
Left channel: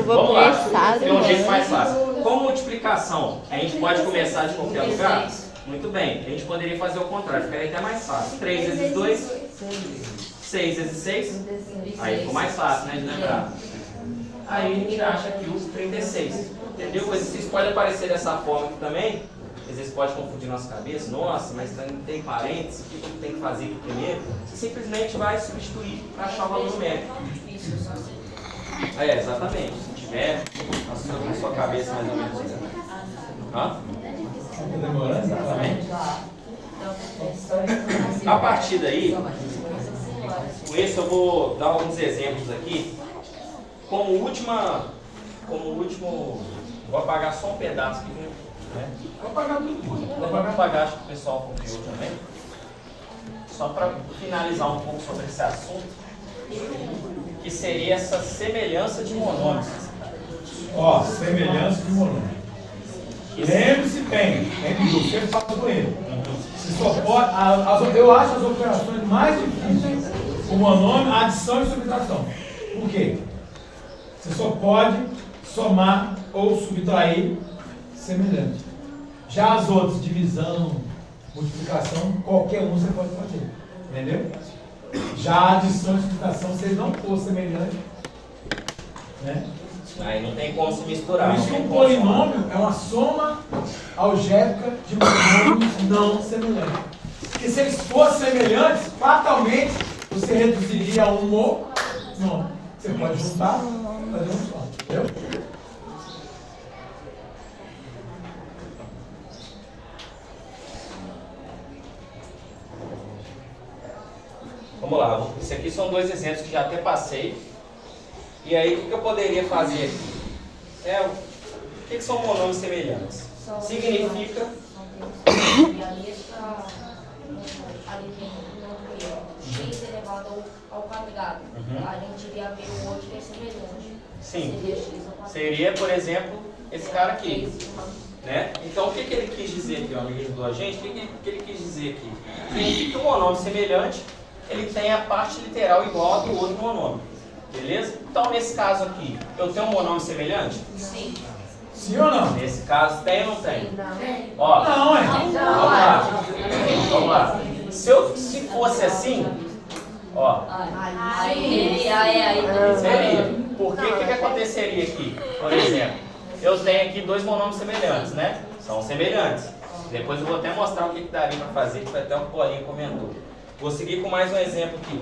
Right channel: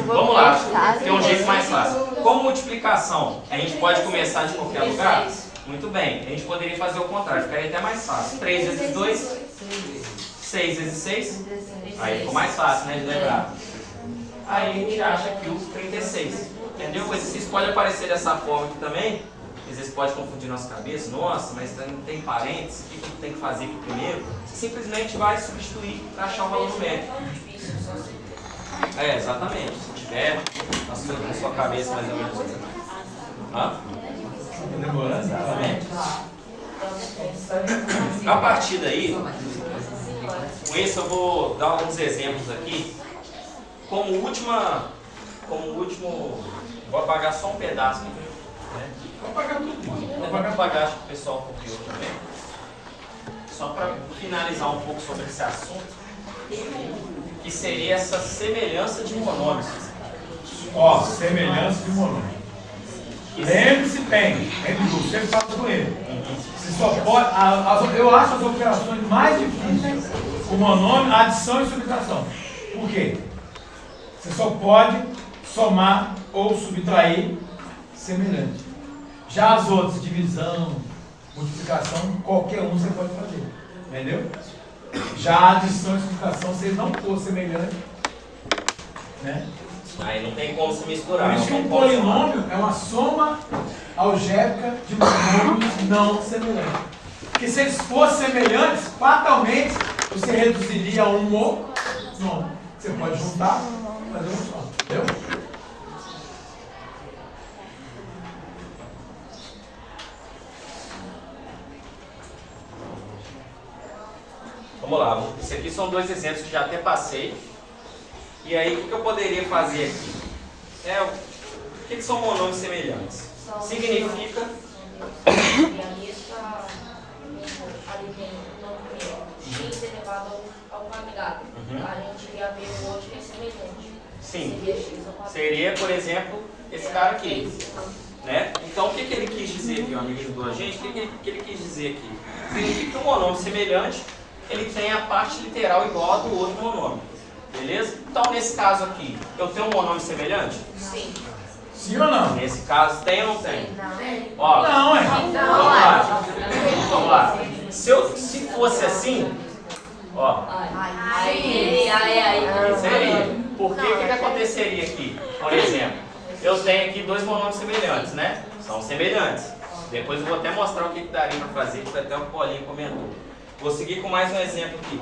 Vamos lá, tem um jeito mais fácil. Como multiplicação, a gente pode começar de qualquer lugar? Muito bem, a gente poderia fazer o contrário, ficaria até mais fácil. 3 vezes 2, 6 vezes 6, aí ficou mais fácil, né, de lembrar. Aí a gente acha aqui o 36, entendeu? O exercício pode aparecer dessa forma aqui também, às vezes pode confundir nossa cabeça, nossa, mas não tem parênteses, o que eu tenho que fazer aqui primeiro? Você simplesmente vai substituir para achar o valor numérico. É, exatamente. Se tiver na sua cabeça mais ou menos assim. Hã? Demorando? Exatamente. A partir daí, com esse eu vou dar alguns exemplos aqui. Como último, vou apagar só um pedaço aqui. Né? Vou pagar tudo, mano. Vou apagar, acho que o pessoal copiou também. Só para finalizar um pouco sobre esse assunto, que seria essa semelhança de monômios. Ó, semelhança de monômio. Lembre-se bem, do sempre falo com ele. Você só pode, eu acho as operações mais difíceis, o monômio, adição e subtração. Por quê? Você só pode somar ou subtrair semelhante. Já as outras, divisão, multiplicação, qualquer um você pode fazer. Entendeu? Já a adição e subtração, se ele não for semelhante, né? Aí não tem como se misturar. Por isso que um polinômio é uma soma algébrica de monômios não semelhantes. Porque se eles fossem semelhantes, fatalmente você reduziria a um monômio. Você pode juntar e fazer um só. Entendeu? Vamos lá, isso aqui são dois exemplos que já até passei. E aí, o que eu poderia fazer aqui? O que são monômios semelhantes? Significa... X elevado ao quadrado. A gente ia ver o outro que é semelhante. Sim. Seria, por exemplo, esse cara aqui. Né? Então, o que ele quis dizer aqui, o amiguinho do agente? O que ele quis dizer aqui? Significa que um monômio semelhante, ele tem a parte literal igual a do outro monômio. Beleza? Então, nesse caso aqui, eu tenho um monômio semelhante? Sim. Sim ou não? Nesse caso, tem ou não tem? Não. Ó, Não, é. vamos lá. Vamos lá. Se fosse assim, ó, seria. Porque o que aconteceria aqui? Por exemplo, eu tenho aqui dois monômios semelhantes, né? São semelhantes. Depois eu vou até mostrar o que daria para fazer, que foi até o Paulinho comentou. Vou seguir com mais um exemplo aqui.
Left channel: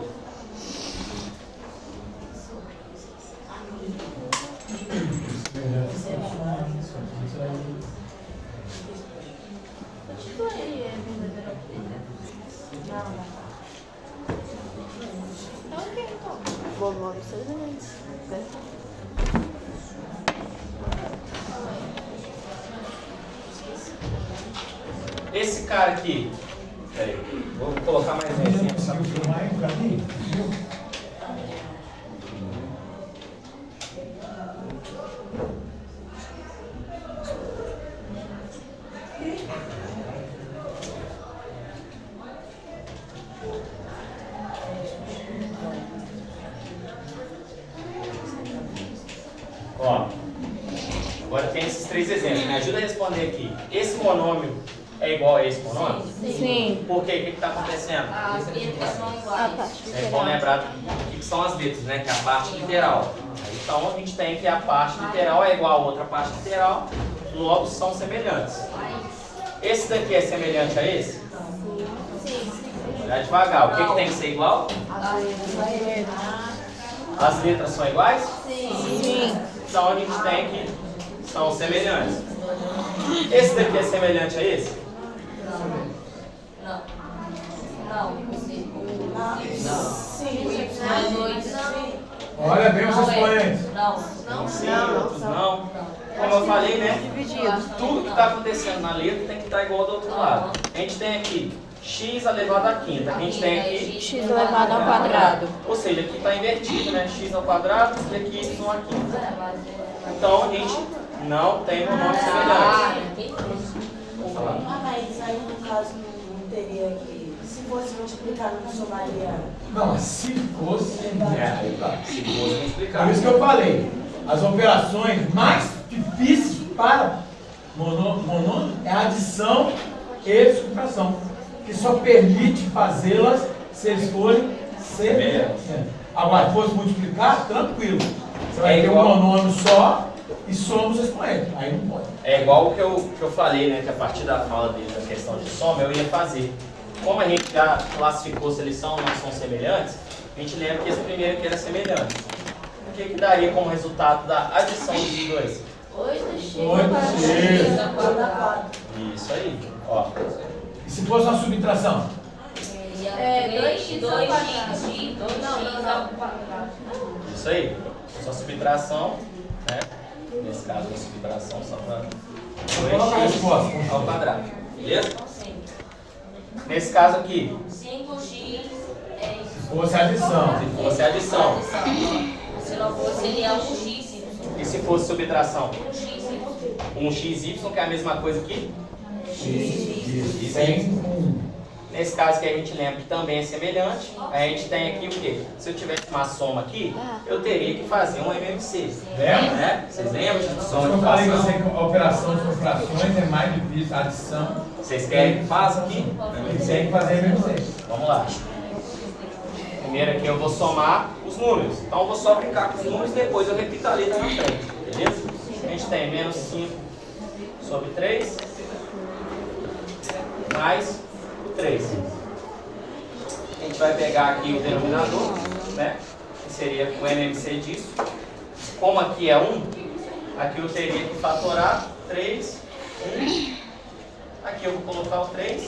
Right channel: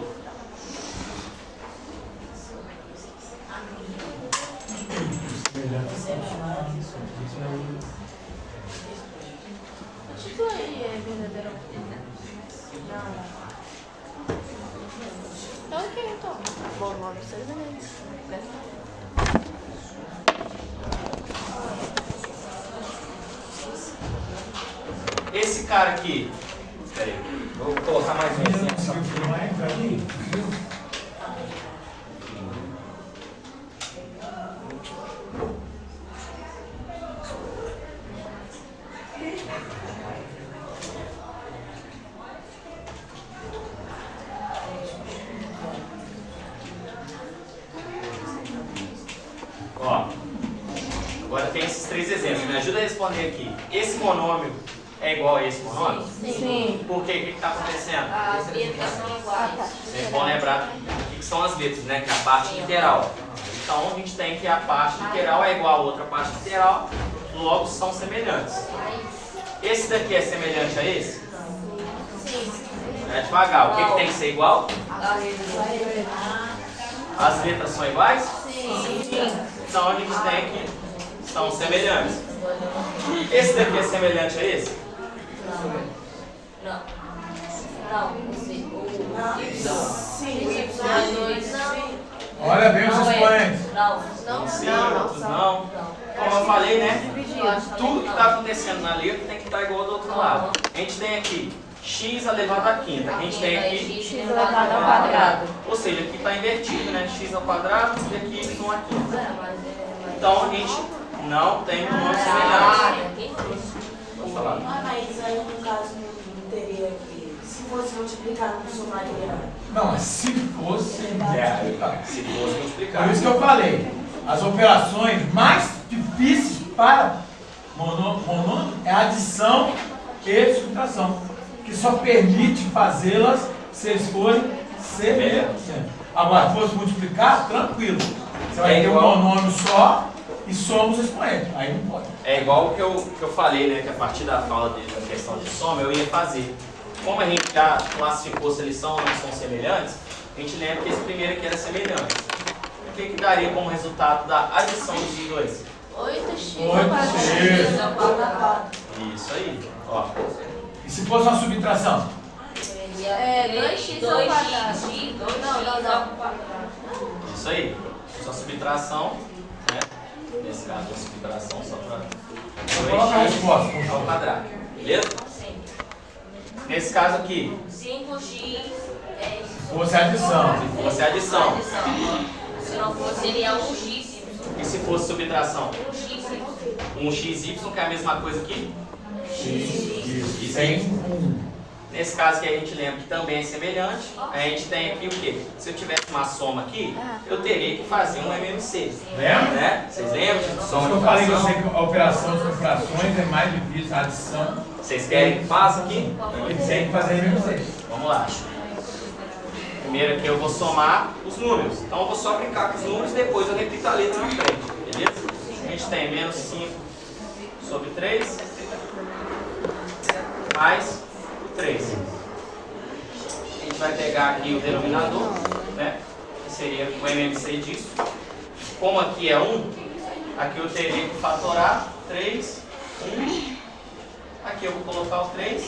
Monômio semelhante. Esse cara aqui, peraí, vou colocar mais um exemplo. Só. Ó, agora tem esses três exemplos. Me ajuda a responder aqui. Esse monômio é igual a esse monômio? Sim. Por quê? O que está acontecendo? As letras são iguais. Vocês vão lembrar o que são as letras, né? Que é a parte literal. Então a gente tem que a parte literal é igual a outra parte literal, logo são semelhantes. Esse daqui é semelhante a esse? Vai devagar. O que tem que ser igual? As letras são iguais? Sim. Então a gente tem que são semelhantes. Esse daqui é semelhante a esse? Não. Olha bem os expoentes. Não. Sim, outros não. Como eu falei, né? Tudo que está acontecendo na letra tem que estar igual do outro lado. A gente tem aqui x elevado à quinta. Aqui a gente tem aqui X elevado ao quadrado. Ou seja, aqui está invertido, né? X ao quadrado e aqui y à quinta. Então a gente não tem um nome semelhante. Pode falar. Mas aí no caso não teria que. Se fosse multiplicar, não somaria. Não, mas se fosse. Aí tá. Se fosse multiplicar. Por isso que eu falei. As operações mais difíceis para monômio é a adição e subtração, que só permite fazê-las se eles forem semelhantes. Agora, se fosse multiplicar, tranquilo. Você vai ter um monômio só e somos expoentes. Aí não pode. É igual o que eu falei, né? Que a partir da fala dele, da questão de soma, eu ia fazer. Como a gente já classificou se eles são ou não são semelhantes, a gente lembra que esse primeiro aqui era semelhante. O que daria como resultado da adição dos dois? 8x. Isso aí. Ó. E se fosse uma subtração? 2x ao quadrado. Isso aí. Só subtração, né? Nesse caso, a subtração só para Coloca a 2x resposta. ao quadrado. Beleza? Nesse caso aqui, 5x é isso. Se fosse a adição. se fosse adição. Se não for, seria 1x. E se fosse subtração? 1x. 1xy, que é a mesma coisa aqui? Isso aí. Nesse caso que a gente lembra que também é semelhante, a gente tem aqui o quê? Se eu tivesse uma soma aqui, eu teria que fazer um MMC. Né? Vocês lembram de soma de Eu falei com fração? você que a operação de subtrações é mais difícil, a adição. Vocês querem que faça aqui? Tem que fazer MMC. Vamos lá. Primeiro aqui eu vou somar os números. Então eu vou só brincar com os números e depois eu repito a letra na frente. Beleza? A gente tem menos 5 sobre 3 mais o 3. A gente vai pegar aqui o denominador, né? Que seria o MMC disso. Como aqui é 1, aqui eu teria que fatorar 3, 1. Aqui eu vou colocar o 3.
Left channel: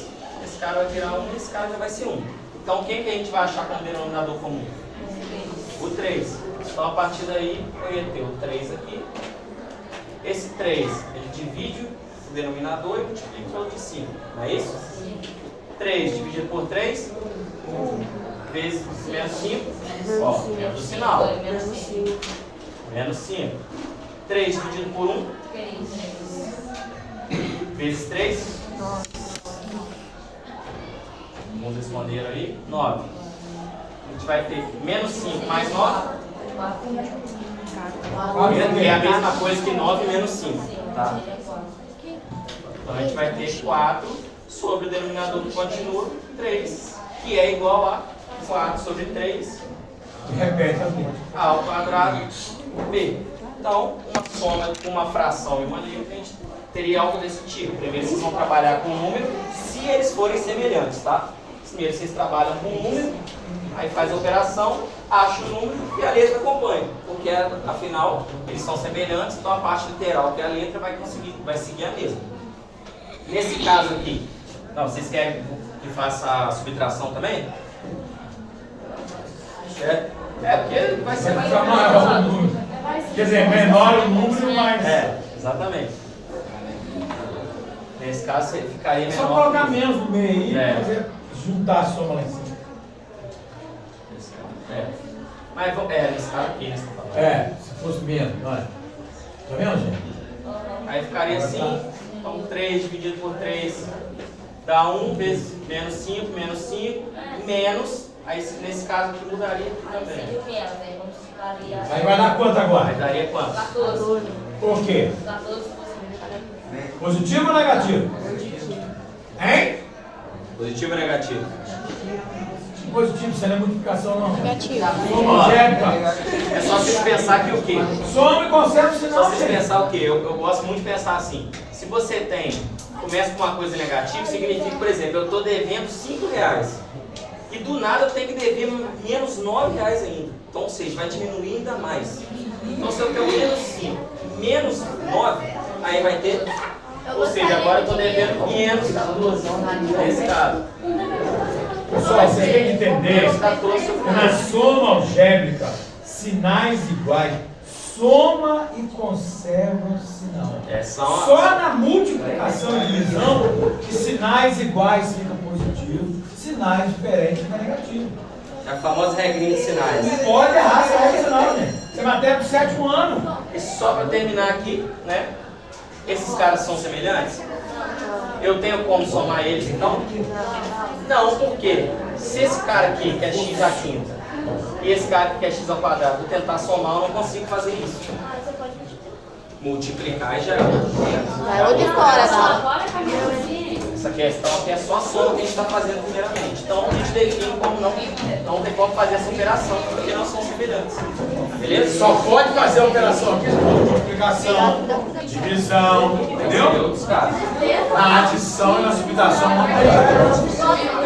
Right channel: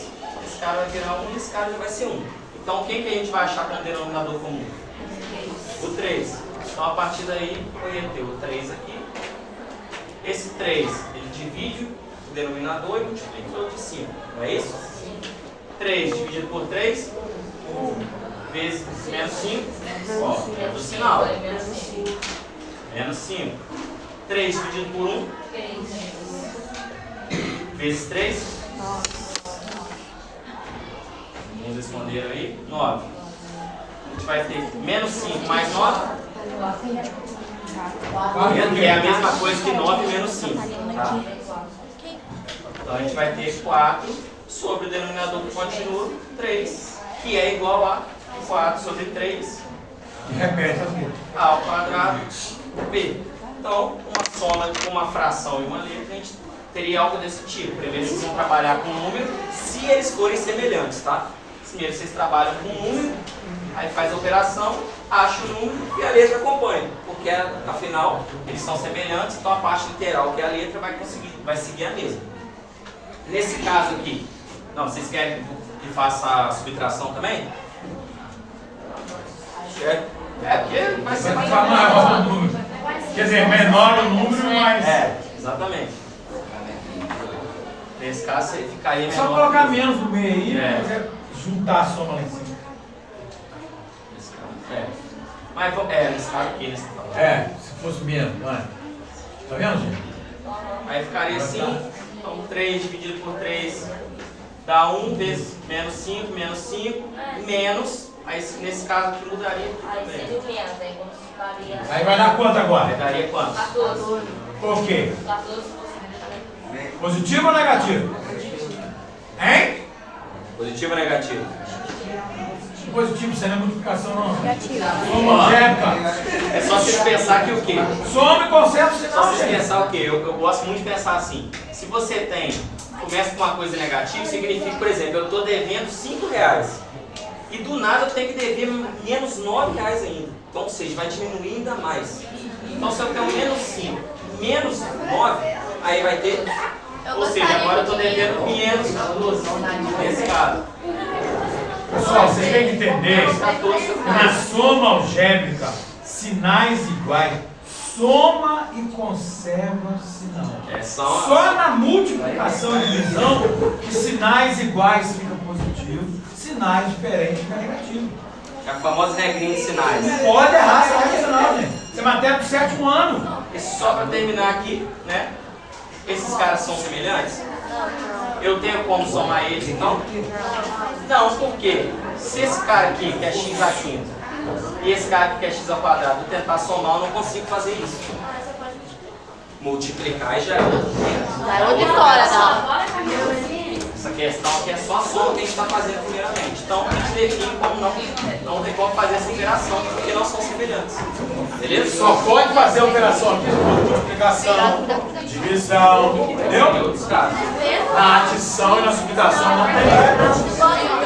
Esse cara vai virar 1 e esse cara já vai ser 1. Então, quem que a gente vai achar como denominador comum? O 3. Então, a partir daí, eu ia ter o 3 aqui. Esse 3, ele divide o denominador e multiplica pelo de 5. Não é isso? 3 dividido por 3, vezes menos 5, ó, menos o sinal. Menos 5. 3 dividido por 1, vezes 3. Vamos responder aí. 9. A gente vai ter menos 5 mais 9. Que é a mesma coisa que 9 menos 5. Tá? Então a gente vai ter 4 sobre o denominador que continua, 3, que é igual a 4 sobre 3. E repete as letras. A ao quadrado B. Então, uma soma com uma fração e uma letra, a gente teria algo desse tipo. Primeiro vocês vão trabalhar com um número, se eles forem semelhantes, tá? Primeiro vocês trabalham com um número, aí faz a operação, acha o número e a letra acompanha. Porque, afinal, eles são semelhantes, então a parte literal, que é a letra, vai seguir a mesma. Nesse caso aqui, não, vocês querem que faça a subtração também? Certo? É, porque vai ser mais ou menos. Maior o número. Quer dizer, menor o número, mas. É, exatamente. Nesse caso, você ficaria menor. Só colocar menos no meio aí, É. juntar a soma lá em cima. Nesse caso, é. Mas, nesse caso aqui, nesse caso. É, se fosse menos, não é? Tá vendo, gente? Aí ficaria assim, então 3 dividido por 3 dá 1 vezes menos 5, menos, aí nesse caso aqui mudaria aqui Aí também. seria o menos, aí quando ficaria Aí vai dar quanto Aí agora? daria quanto? 14. Por quê? 14 Positivo ou negativo? Hein? Positivo ou negativo? Positivo, isso não é multiplicação não. Negativo. Soma algébrica. É só vocês pensar que o quê? Soma e conserva o Só sinal. vocês pensar o quê? Eu gosto muito de pensar assim. Se você começa com uma coisa negativa, significa, por exemplo, eu estou devendo 5 reais. E do nada eu tenho que dever menos 9 reais ainda. Então, ou seja, vai diminuir ainda mais. Então, se eu tenho menos 5, menos 9, aí vai ter... Ou seja, agora eu estou devendo 512 nesse caso. Pessoal, você tem que entender Menos 14 que na soma algébrica, sinais iguais, soma e conserva o sinal. É só Só na multiplicação e divisão que sinais iguais ficam positivos, sinais diferentes ficam negativos. a famosa regrinha de sinais. Não pode errar essa regra não, gente. Isso é matéria do 7º ano. E só para terminar aqui, né? Esses caras são semelhantes? Eu tenho como somar eles, então? Não, por quê? Se esse cara aqui, que é x à quinta, e esse cara aqui, que é x ao quadrado, eu tentar somar, eu não consigo fazer isso. Multiplicar e já é outra história, não. Essa questão aqui é só a soma que a gente está fazendo primeiramente. Então, a gente define como não tem como fazer essa operação, porque não são semelhantes. Beleza? Só pode fazer a operação aqui por multiplicação, divisão, entendeu? Em outros casos. Na adição e na subtração não tem.